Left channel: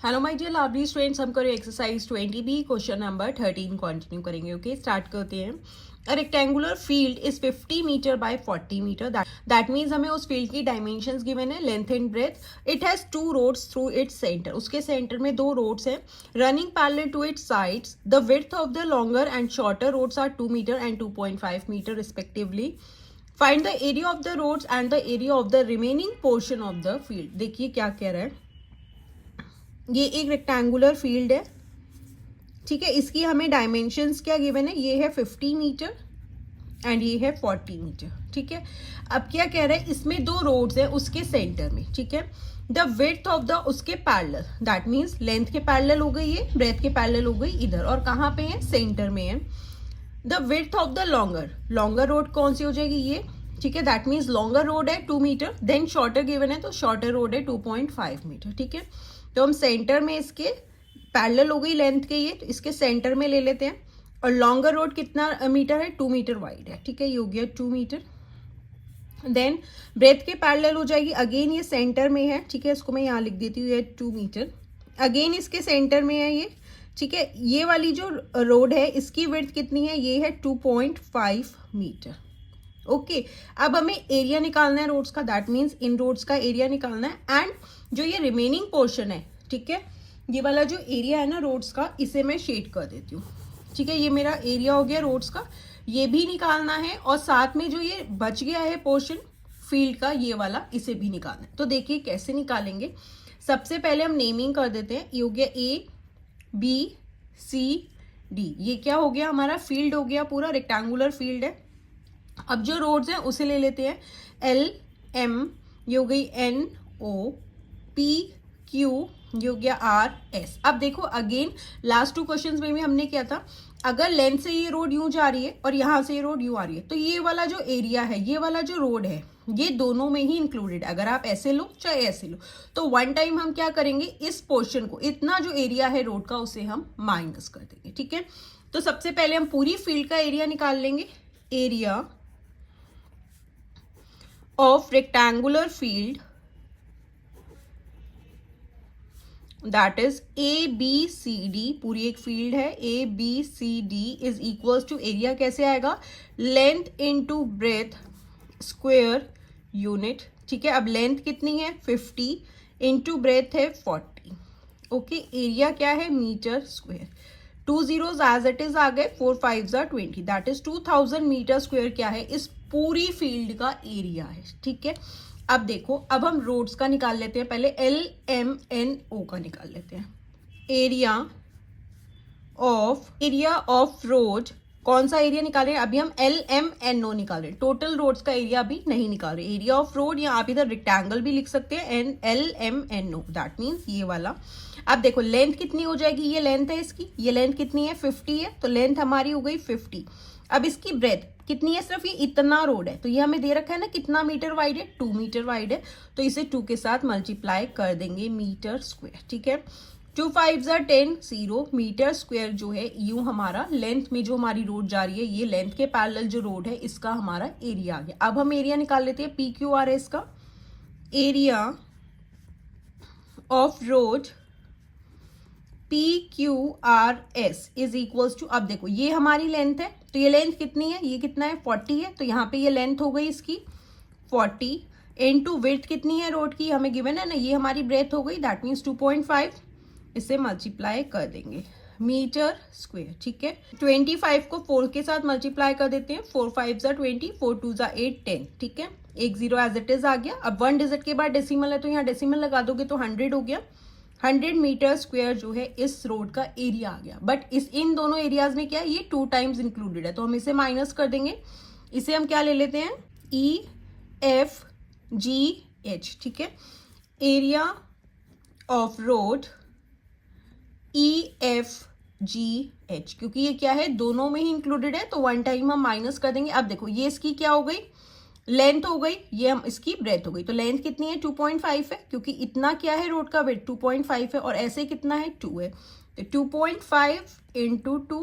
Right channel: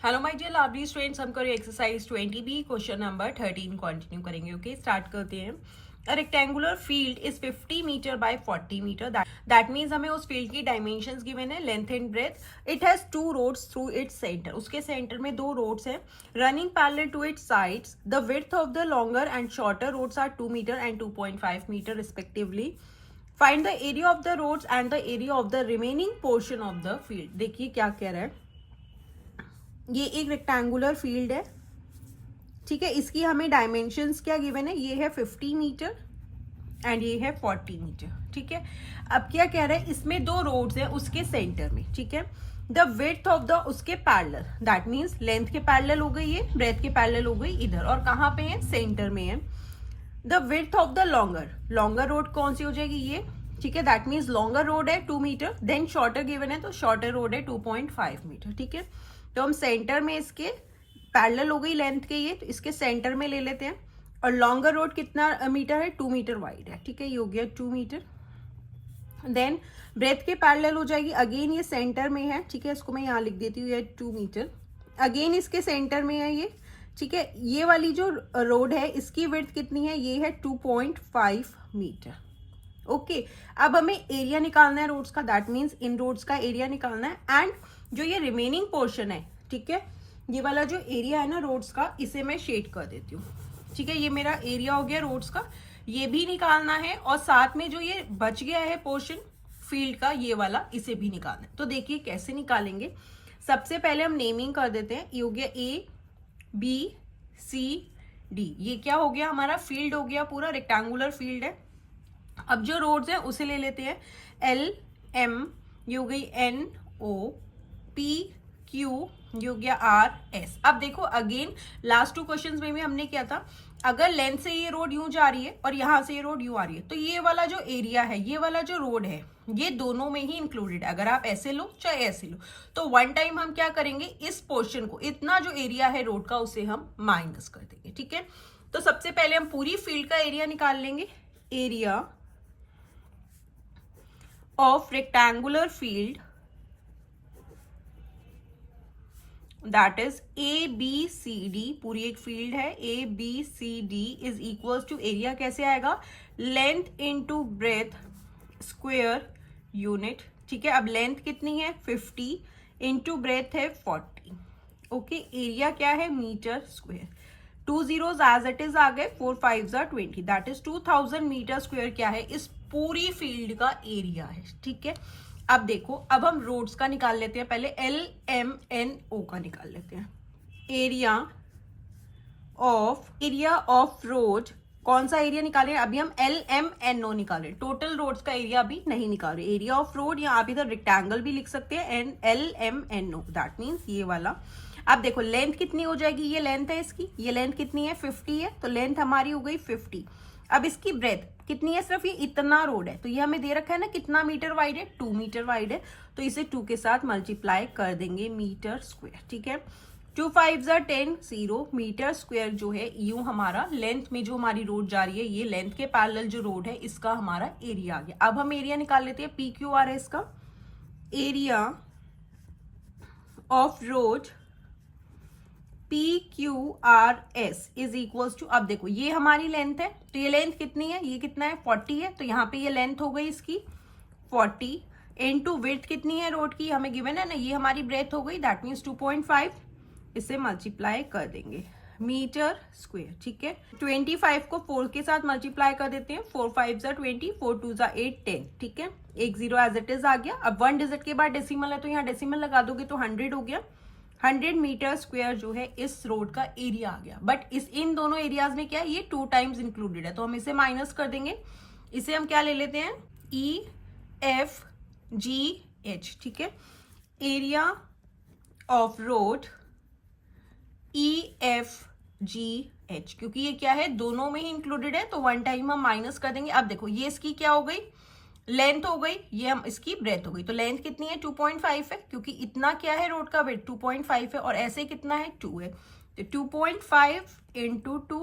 Hello my dear lovely students, हम करें exercise 20B question number 13 continue करेंगे। Okay, start करते हैं। A rectangular field is 50 metre by 40 metre. That means हमें उस फील्ड की डायमेंशंस गिवन है, length and breadth. It has two roads through its centre. उसके सेंटर में दो रोड्स हैं running parallel to its sides. The width of the longer and shorter roads are 2 metre and 2.5 metre respectively. Find the area of the roads and the area of the remaining portion of the field. देखिए क्या कह रहा है। ये एक rectangular field है, ठीक है। इसकी हमें डायमेंशंस क्या गिवन है, ये है 50 मीटर एंड ये है 40 मीटर, ठीक है। अब क्या कह रहा है, इसमें दो रोड्स हैं उसके सेंटर में, ठीक है। द विड्थ ऑफ द उसके पैरेलल, दैट मीन्स लेंथ के पैरेलल हो गई ये, ब्रेथ के पैरेलल हो गई इधर, और कहाँ पे है, सेंटर में है। The width of the longer road कौन सी हो जाएगी, ये, ठीक है। दैट मीन्स लॉन्गर रोड है 2 मीटर, देन शॉर्टर गिवन है तो शॉर्टर रोड है 2.5 मीटर, ठीक है। तो हम सेंटर में इसके पैरेलल हो गई लेंथ के ये, तो इसके सेंटर में ले लेते हैं। और लॉन्गर रोड कितना मीटर है, 2 मीटर वाइड है, ठीक है। ये हो गया 2 मीटर। देन ब्रेथ के पैरेलल हो जाएगी, अगेन ये सेंटर में है, ठीक है। इसको मैं यहाँ लिख देती हूँ, ये 2 मीटर। अगेन इसके सेंटर में है ये, ठीक है। ये वाली जो रोड है इसकी विड्थ कितनी है, ये है 2.5 मीटर। ओके, अब हमें एरिया निकालना है रोड्स का, दैट मीन्स इन रोड्स का एरिया निकालना है। एंड जो ये रिमेनिंग पोर्शन है, ठीक है, ये वाला जो एरिया है ना रोड्स का, इसे मैं शेड कर देती हूँ, ठीक है। ये मेरा एरिया हो गया रोड्स का, ये भी निकालना है। और साथ में जो ये बच गया है पोर्शन फील्ड का, ये वाला, इसे भी निकालना है। तो देखिए कैसे निकालेंगे। सबसे पहले हम नेमिंग कर देते हैं। ये हो गया ए बी सी डी, ये क्या हो गया, हमारा फील्ड हो गया, पूरा रेक्टेंगुलर फील्ड है। अब जो रोड्स हैं उसे ले लेते हैं। एल एम, ये हो गई एन ओ, पी क्यू, ये हो गया आर एस। अब देखो अगेन लास्ट 2 क्वेश्चंस में भी हमने किया था, अगर लेंथ से ये रोड यूं जा रही है और यहां से ये रोड यूं आ रही है, तो ये वाला जो एरिया है, ये वाला जो रोड है, ये दोनों में ही इंक्लूडेड। अगर आप ऐसे लो चाहे ऐसे लो, तो वन टाइम हम क्या करेंगे, इस पोर्शन को, इतना जो एरिया है रोड का, उसे हम माइनस कर देंगे, ठीक है। तो सबसे पहले हम पूरी फील्ड का एरिया निकाल लेंगे। Area of rectangular field, that is ABCD, पूरी एक फील्ड है ABCD is equals to area कैसे आएगा, length into breadth square unit, ठीक है। अब लेंथ कितनी है 50 इनटू ब्रेथ है 40। ओके, एरिया क्या है, metre square. 2 zeros as it is आ गए, 4 5s are 20, that is 2000 metre square क्या है, इस पूरी फील्ड का एरिया है, ठीक है। अब देखो, अब हम रोड्स का निकाल लेते हैं। पहले एल एम एन ओ का निकाल लेते हैं। एरिया ऑफ रोड, कौन सा एरिया निकाल रहे हैं, अभी हम एल एम एन ओ निकाल रहे हैं, टोटल रोड्स का एरिया अभी नहीं निकाल रहे। एरिया ऑफ रोड, या आप इधर रेक्टेंगल भी लिख सकते हैं, N L M N O, that means ये वाला। अब देखो लेंथ कितनी हो जाएगी, ये लेंथ है इसकी, ये लेंथ कितनी है 50 है, तो लेंथ हमारी हो गई 50। अब इसकी ब्रेथ कितनी है, सिर्फ ये इतना रोड है, तो ये हमें दे रखा है ना कितना मीटर वाइड है, 2 मीटर वाइड है, तो इसे 2 के साथ मल्टीप्लाई कर देंगे मीटर स्क्वायर, ठीक है। 2 5s are 10, 0 मीटर स्क्वायर जो है, यूं हमारा लेंथ में जो हमारी रोड जा रही है, ये लेंथ के पैरेलल जो रोड है, इसका हमारा एरिया आ गया। अब हम एरिया निकाल लेते हैं, पी क्यू आर है इसका। Area of road P Q R S is equals to, अब देखो ये हमारी लेंथ है, तो ये लेंथ कितनी है, ये कितना है 40 है, तो यहाँ पे ये लेंथ हो गई इसकी 40 इनटू विड्थ कितनी है रोड की, हमें गिवन है ना, ये हमारी ब्रेथ हो गई, दैट मीन्स 2.5, इसे मल्टीप्लाई कर देंगे मीटर स्क्वायर, ठीक है। 25 को 4 के साथ मल्टीप्लाई कर देते हैं, 4 5s are 20, 4 2s are 8 10, ठीक है। एक जीरो एज इट इज आ गया। अब 1 डिजिट के बाद डेसिमल है, तो यहाँ डेसिमल लगा दोगे तो 100 हो गया। 100 मीटर स्क्वायर जो है इस रोड का एरिया आ गया। बट इन दोनों एरियाज में क्या है, ये 2 टाइम्स इंक्लूडेड है, तो हम इसे माइनस कर देंगे। इसे हम क्या ले लेते हैं, ई एफ जी एच, ठीक है। Area of road E F G H, क्योंकि ये क्या है, दोनों में ही इंक्लूडेड है, तो 1 टाइम हम माइनस कर देंगे। अब देखो ये इसकी क्या हो गई, लेंथ हो गई, ये हम इसकी ब्रेथ हो गई, तो लेंथ कितनी है 2.5 है, क्योंकि इतना क्या है रोड का वेट 2.5 है, और ऐसे कितना है 2 है, तो 2.5 into 2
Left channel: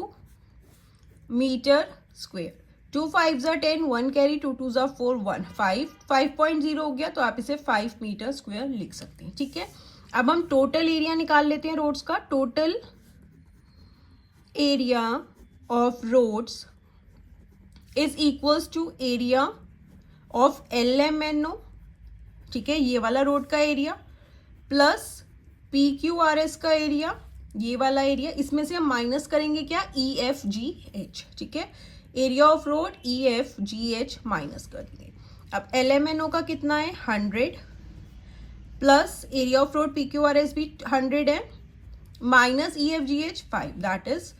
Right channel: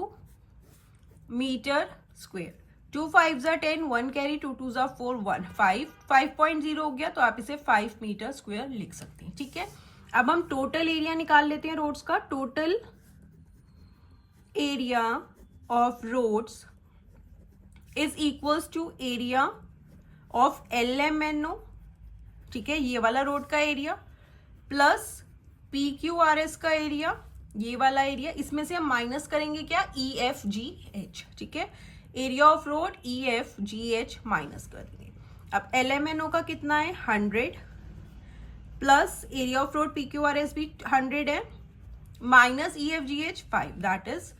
metre square. 2 5s are 10, 1 carry, 2 2s are 4, 1 5, 5.0 हो गया, तो आप इसे 5 मीटर स्क्वायर लिख सकते हैं, ठीक है। अब हम टोटल एरिया निकाल लेते हैं रोड्स का. Total area of roads is equals to area of LMNO. ठीक है, ये वाला रोड का एरिया प्लस PQRS का एरिया, ये वाला एरिया. इसमें से हम माइनस करेंगे क्या, EFGH. ठीक है, area of road EFGH minus कर देंगे. अब LMNO का कितना है 100 plus area of road PQRS भी 100 है minus EFGH 5, that is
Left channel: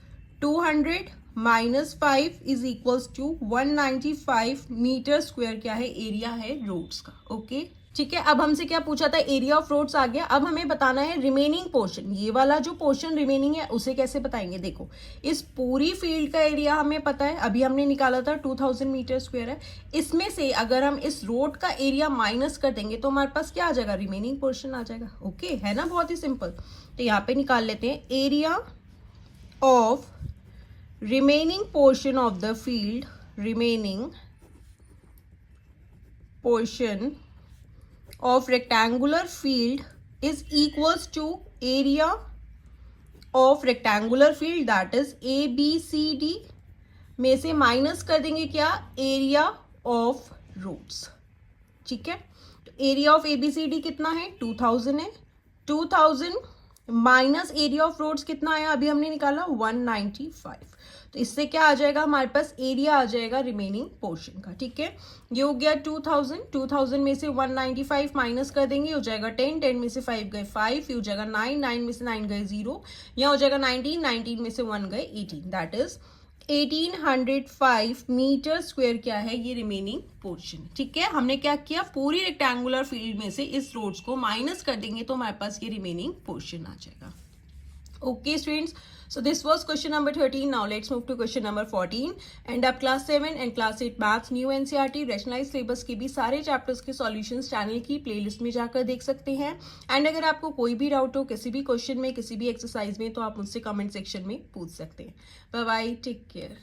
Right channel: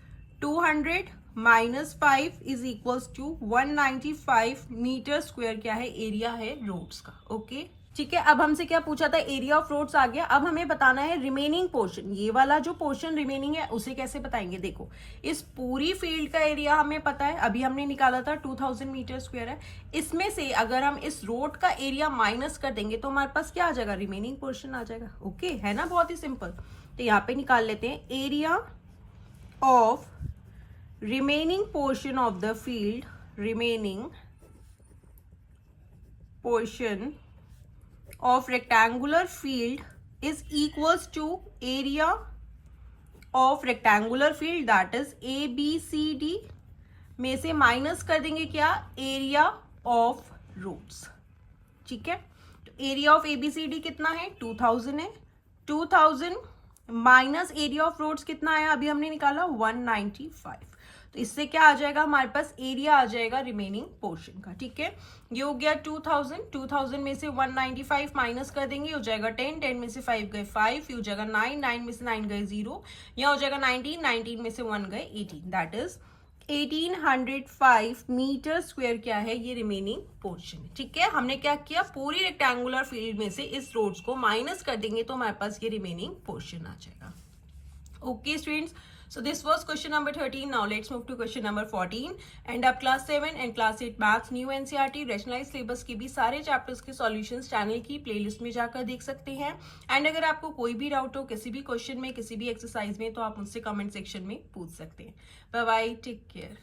200 minus 5 is equals to 195 metre square. क्या है, एरिया है रोड्स का. ओके ठीक है, अब हमसे क्या पूछा था, एरिया ऑफ रोड्स आ गया. अब हमें बताना है रिमेनिंग पोर्शन. ये वाला जो पोर्शन रिमेनिंग है उसे कैसे बताएंगे. देखो, इस पूरी फील्ड का एरिया हमें पता है, अभी हमने निकाला था 2000 मीटर स्क्वायर है. इसमें से अगर हम इस रोड का एरिया माइनस कर देंगे तो हमारे पास क्या आ जाएगा, रिमेनिंग पोर्शन आ जाएगा. ओके है ना, बहुत ही सिंपल. तो यहाँ पे निकाल लेते हैं area of remaining portion of the field, remaining portion of rectangular field is equals to area of rectangular field, that is ABCD. में से माइनस कर देंगे क्या, एरिया ऑफ रोड्स. ठीक है, तो एरिया ऑफ ABCD कितना है 2000 है. 2000 माइनस एरिया ऑफ रोड्स कितना है, अभी हमने निकाला 195. तो इससे क्या आ जाएगा, हमारे पास एरिया आ जाएगा रिमेनिंग पोर्शन का. ठीक है, ये हो गया 2000. 2000 में से 195 माइनस कर देंगे, हो जाएगा 10. 10 में से 5 गए 5, ये हो जाएगा 9. 9 में से 9 गए 0, यहाँ हो जाएगा 19. 19 में से 1 गए 18, दैट इज 1805 मीटर स्क्वायर. क्या है, ये रिमेनिंग पोर्शन. ठीक है, हमने क्या किया, पूरी रेक्टेंगुलर फील्ड में से इस रोड्स को माइनस कर देंगे तो हमारे पास ये रिमेनिंग पोर्शन आ जाएगा. Okay students, so this was question number 13. Now let's move to question number 14. And अब class 7 and class 8 maths new NCERT rationalized syllabus के भी सारे chapters के solutions channel की playlist में जाकर देख सकते हैं. and अगर आपको कोई भी डाउट हो किसी भी क्वेश्चन में, किसी भी एक्सरसाइज में, तो आप मुझसे कमेंट सेक्शन में पूछ सकते हैं. Bye bye, take care.